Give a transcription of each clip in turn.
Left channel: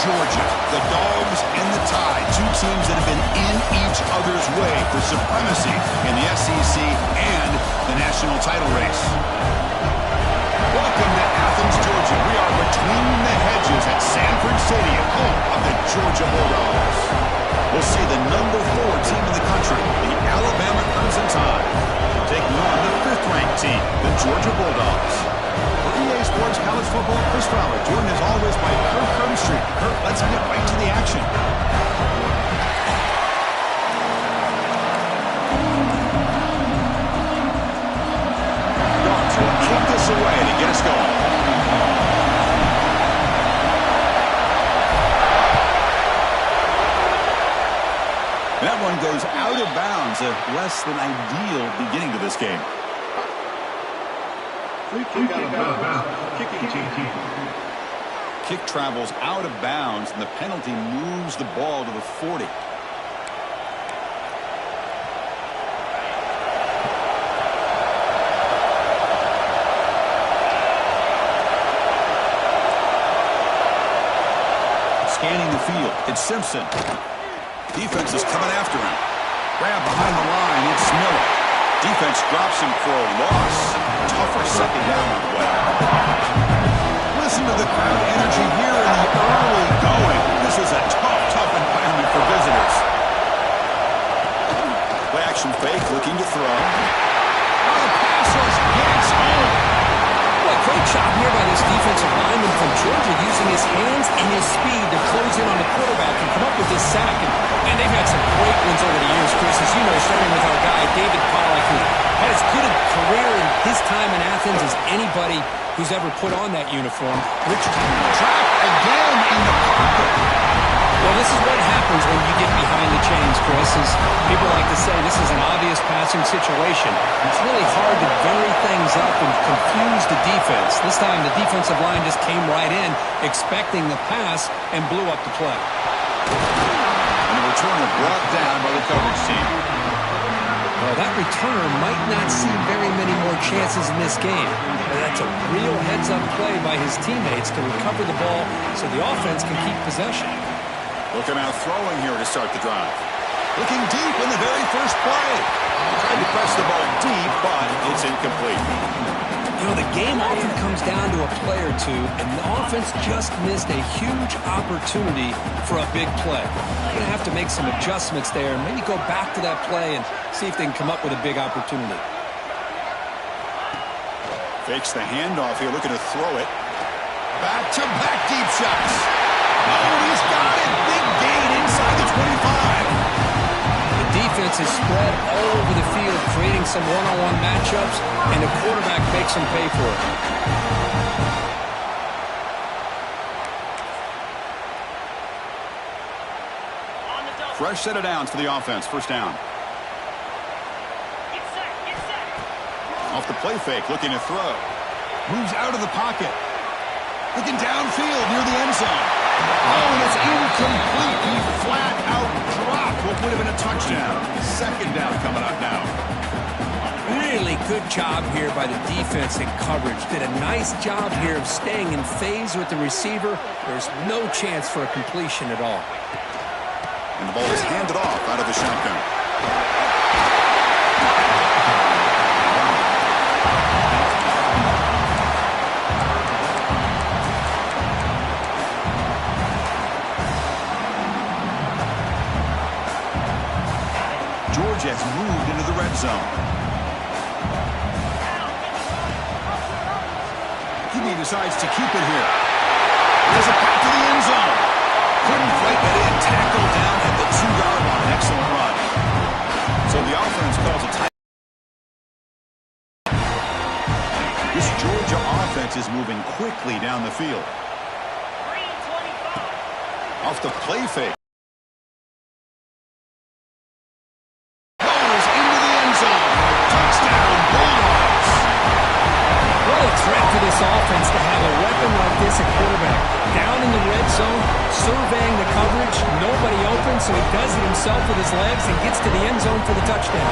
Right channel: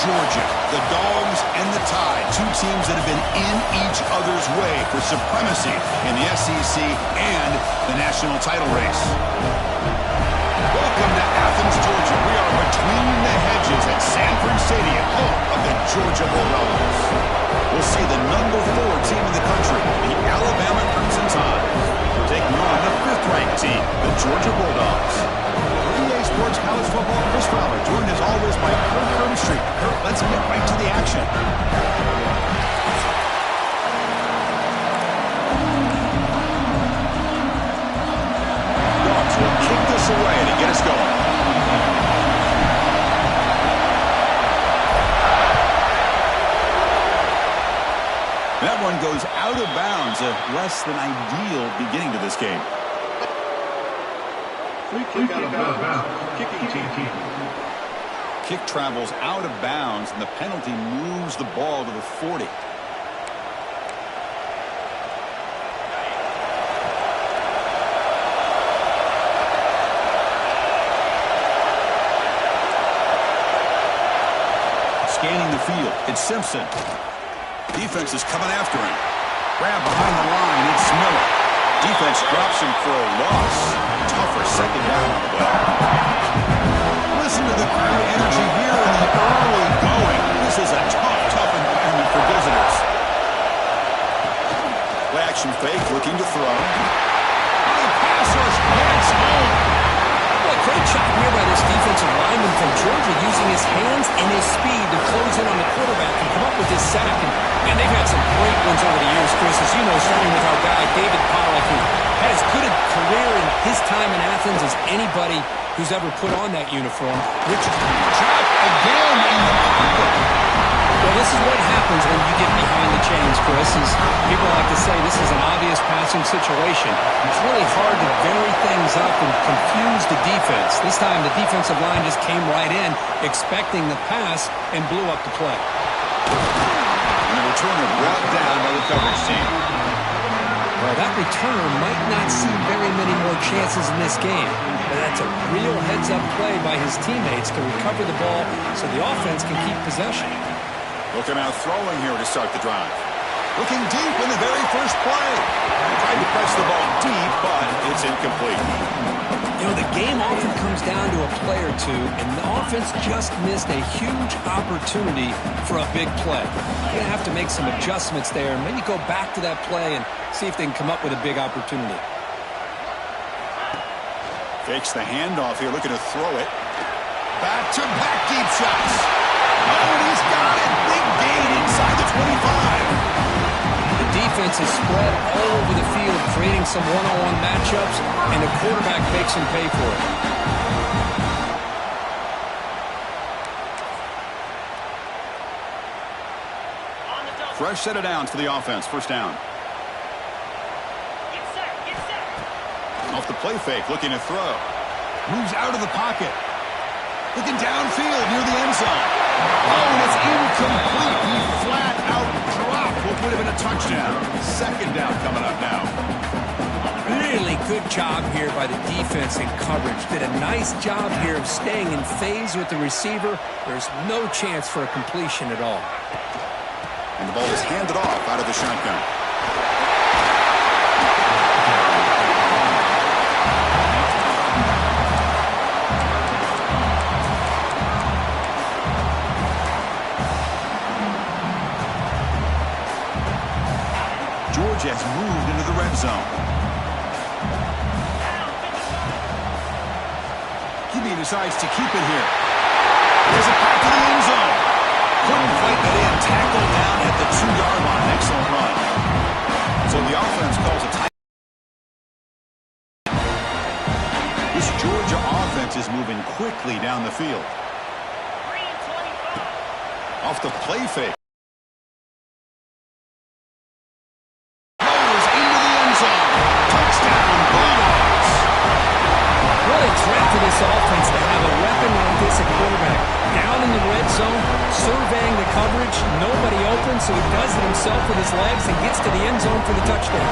Georgia, the Dogs and the Tide, two teams that have been in each other's way for supremacy in the SEC and the national title race. Welcome to Athens, Georgia. We are between the hedges at Sanford Stadium, home of the Georgia Bulldogs. We'll see the number 4 team in the country, the Alabama Crimson Tide, taking on the 5th-ranked team, the Georgia Bulldogs. For EA Sports College Football, Chris Fowler, joined as always by Kirk Herbstreit. Kirk, let's get right to the action. Dogs will kick this away to get us going. That one goes out of bounds, a less than ideal beginning to this game. Free kick out of bounds. Kicking team. Kick travels out of bounds, and the penalty moves the ball to the 40. Scanning the field, it's Simpson. Defense is coming after him. Grab behind the line, it's Miller. Defense drops him for a loss. Tougher second down on the way. Listen to the crowd energy here in the early going. This is a tough environment for visitors. Play action fake, looking to throw. Oh, the pass rush gets home. Boy, great job here by this defensive lineman from Georgia, using his hands and his speed to close in on the quarterback and come up with this sack. And they've had some great ones over the years, Chris, as you know, starting with our guy, David Pollack, who had as good a career in his time in Athens as anybody who's ever put on that uniform. Richard trapped again in the pocket. Well, this is what happens when you get behind the chains, Chris. As people like to say, this is an obvious passing situation. It's really hard to vary things up and confuse the defense. This time, the defensive line just came right in, expecting the pass, and blew up the play. And the returner brought down by the coverage team. Well, that returner might not see very many more chances in this game. But that's a real heads-up play by his teammates to recover the ball so the offense can keep possession. Looking out throwing here to start the drive. Looking deep in the very first play. He tried to press the ball deep, but it's incomplete. You know, the game often comes down to a play or two, and the offense just missed a huge opportunity for a big play. They're going to have to make some adjustments there and maybe go back to that play and see if they can come up with a big opportunity. Fakes the handoff here, looking to throw it. Back-to-back deep shots. Oh, and he's got it. Big gain inside the 25. The defense is spread all over the field, creating some one-on-one matchups, and the quarterback makes them pay for it. Fresh set of downs for the offense. First down. Get set. Off the play fake, looking to throw. Moves out of the pocket. Looking downfield near the end zone. Oh, and it's incomplete. He flat out dropped what would have been a touchdown. Second down coming up now. Really good job here by the defense in coverage. Did a nice job here of staying in phase with the receiver. There's no chance for a completion at all. And the ball is handed off out of the shotgun. Georgia has moved into the red zone. Kibbe decides to keep it here. There's a pass to the end zone. Couldn't fight it in. Tackled down at the 2-yard line. Excellent run. So the offense calls a tight. This Georgia offense is moving quickly down the field. Off the play fake. What a threat for this offense to have a weapon like this at quarterback. Down in the red zone, surveying the coverage, nobody open, so he does it himself with his legs and gets to the end zone for the touchdown.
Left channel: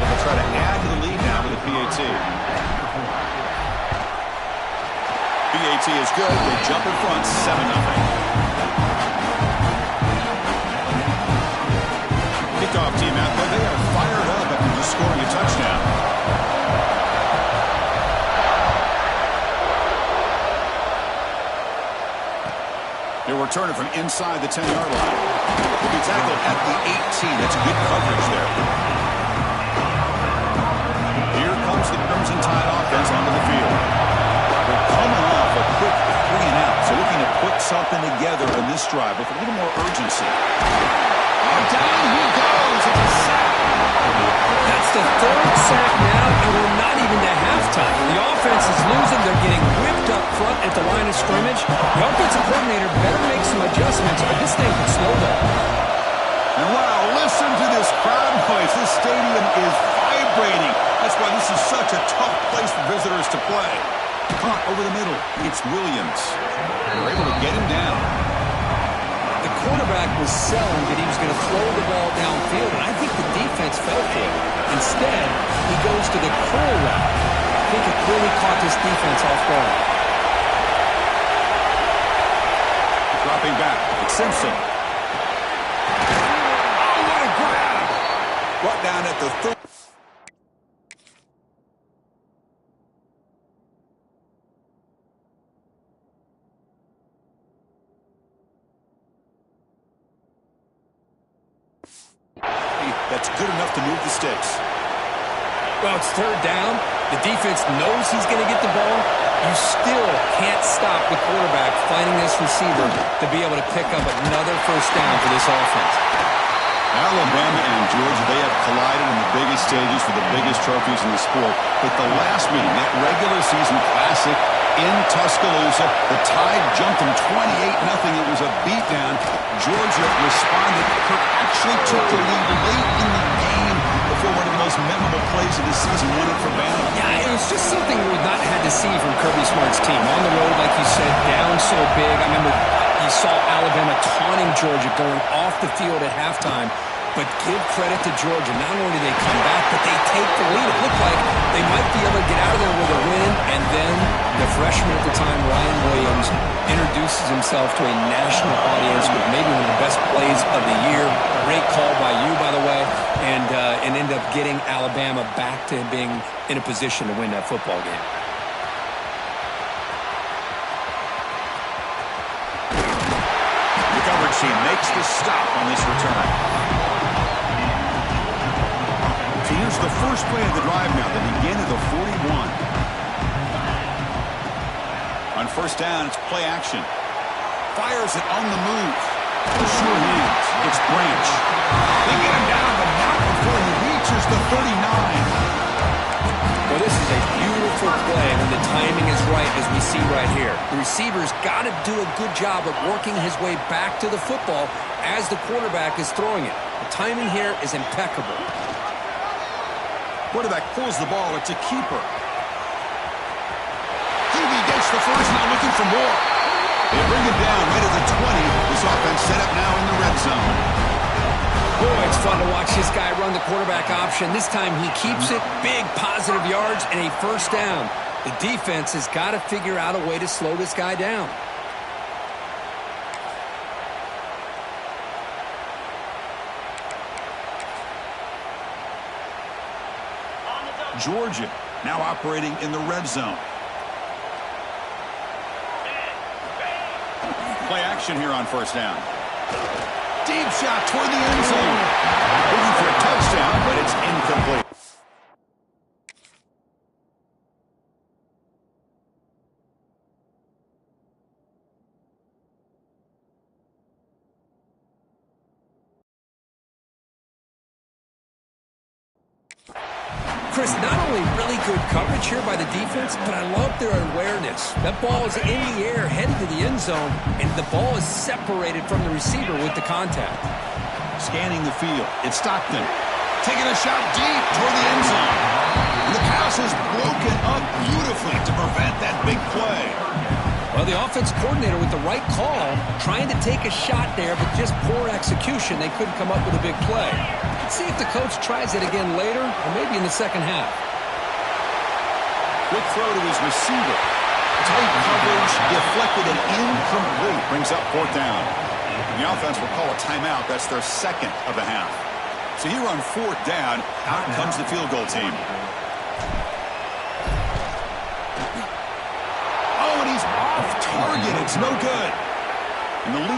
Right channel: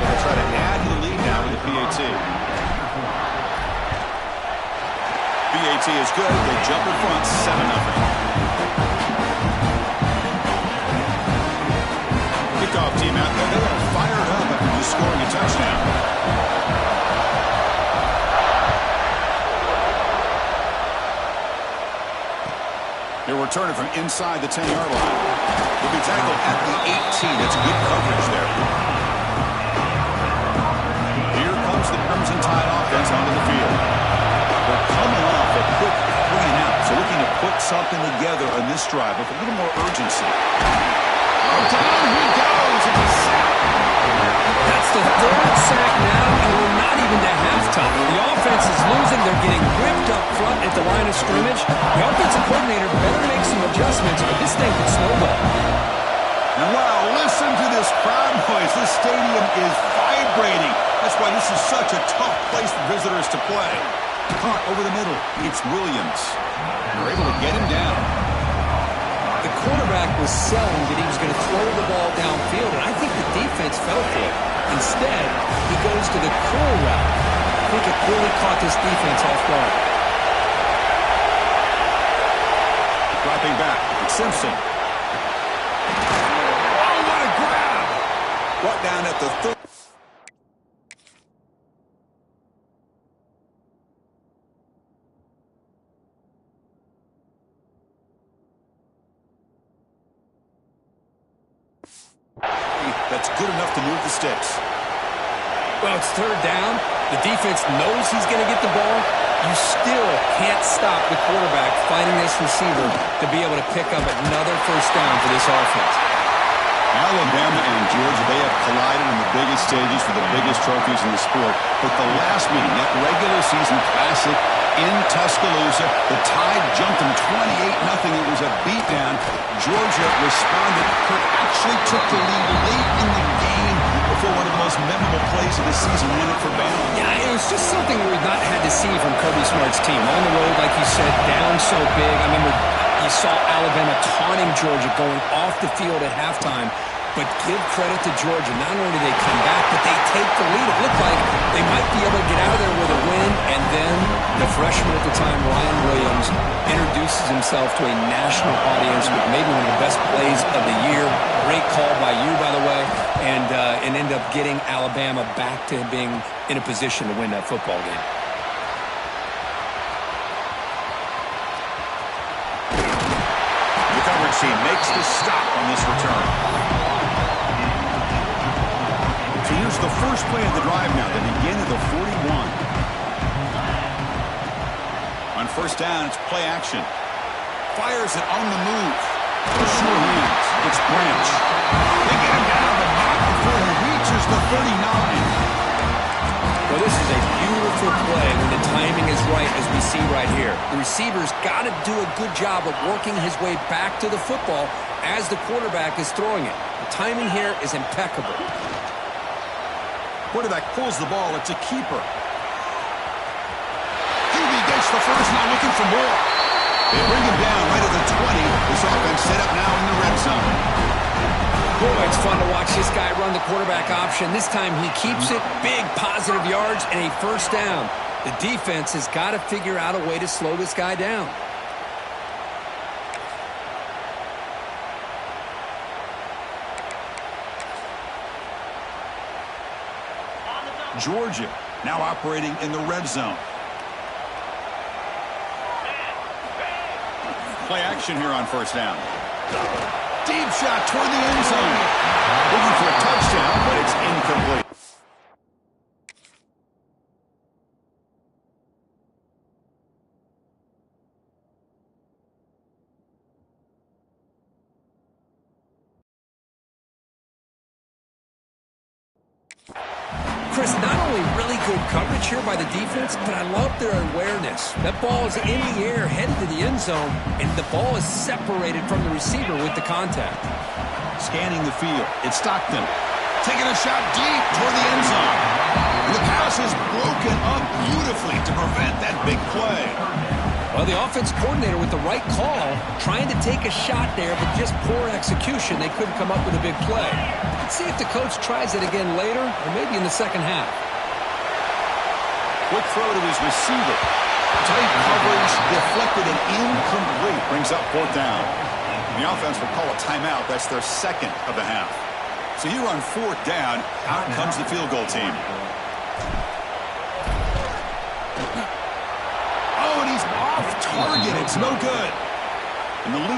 So they'll try to penalty is good. They jump in front 7-0. Kickoff team out there. They are fired up after just scoring a touchdown. They're returning from inside the 10-yard line. Will be tackled at the 18. That's good coverage there. Here comes the Crimson Tide offense onto the field. They're coming off a quick 3-and-out, so looking to put something together on this drive with a little more urgency. Oh, down he goes. It's a sack. That's the third sack now, and we're not even to halftime. The offense is losing. They're getting whipped up front at the line of scrimmage. The offensive coordinator better make some adjustments, or this thing could snowball. And wow, listen to this crowd noise. This stadium is vibrating. That's why this is such a tough place for visitors to play. Caught over the middle. It's Williams. They're able to get him down. The quarterback was selling that he was going to throw the ball downfield, and I think the defense fell for it. Instead, he goes to the curl route. I think it really caught this defense off guard. Dropping back. It's Simpson. Oh, what a grab! Brought down at the 30. That's good enough to move the sticks. Well, it's third down. The defense knows he's going to get the ball. You still can't stop the quarterback finding this receiver to be able to pick up another first down for this offense. Alabama and Georgia, they have collided in the biggest stages for the biggest trophies in the sport. But the last meeting, that regular season classic in Tuscaloosa, the Tide jumped them 28-0. It was a beatdown. Georgia responded. Kirk actually took the lead late in the game before one of the most memorable plays of the season won it for Bama. Yeah, it was just something we've not had to see from Kirby Smart's team. On the road, like you said, down so big. I remember you saw Alabama taunting Georgia going off the field at halftime. But give credit to Georgia. Not only do they come back, but they take the lead. It looked like they might be able to get out of there with a win. And then the freshman at the time, Ryan Williams, introduces himself to a national audience with maybe one of the best plays of the year. Great call by you, by the way. And ended up getting Alabama back to being in a position to win that football game. The coverage team makes the stop on this return. So here's the first play of the drive now. They begin at the 41. On first down, it's play action. Fires it on the move. The sure hands. It's Branch. They get him down, but not before he reaches the 39. Well, this is a beautiful play when the timing is right, as we see right here. The receiver's got to do a good job of working his way back to the football as the quarterback is throwing it. The timing here is impeccable. Quarterback pulls the ball. It's a keeper. Hubie gets the first, now looking for more. They bring him down right at the 20. This offense set up now in the red zone. Boy, it's fun to watch this guy run the quarterback option. This time he keeps it. Big positive yards and a first down. The defense has got to figure out a way to slow this guy down. Georgia now operating in the red zone. Play action here on first down. Deep shot toward the end zone. Looking for a touchdown, but it's incomplete. Chris, not only really good coverage here by the defense, but I love their awareness. That ball is in the air, headed to the end zone, and the ball is separated from the receiver with the contact. Scanning the field. It's Stockton. Taking a shot deep toward the end zone. And the pass is broken up beautifully to prevent that big play. Well, the offense coordinator with the right call, trying to take a shot there, but just poor execution. They couldn't come up with a big play. Let's see if the coach tries it again later, or maybe in the second half. Quick throw to his receiver. Tight coverage, deflected and incomplete. Brings up fourth down. The offense will call a timeout. That's their second of the half. So here on fourth down, out comes the field goal team. Oh, and he's off target. It's no good. And the lead